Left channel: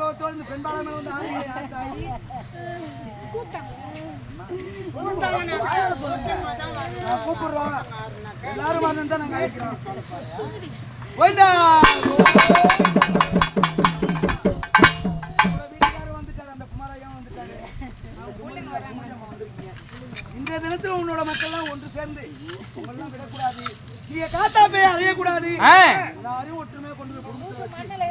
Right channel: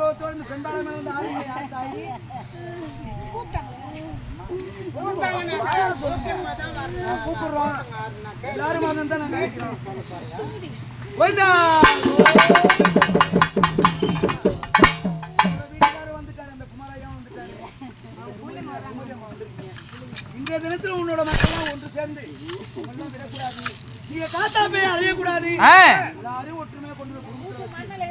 கோபத்தோடு இந்த பெண்பாளர் மேல வந்து ஆளுங்க யார் தாயி கூப்பிடுறோம். எல்லாரும் வரணும் தான் நாங்க நினைக்கிறோம். போயிட்டா. இன்றைய தினத்தில் உன்னோட மக்கள்லாம் ஒன்று சேர்ந்து விடக்கூடாது. நீங்க காத்தா போய் அலையக்கூடாது. எல்லாரையும் ஒற்றுமையை கொண்டு போய் குடும்பத்தில்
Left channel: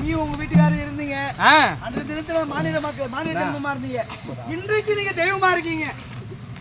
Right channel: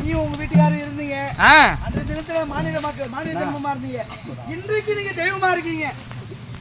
நீ உங்க வீட்டுக்காரர் இருந்தீங்க. அன்றைய தினத்துல மாநில மக்கள் மாநில ஜென்மமா இருந்தீங்க. இன்றைக்கு நீங்க தெய்வமா இருக்கீங்க.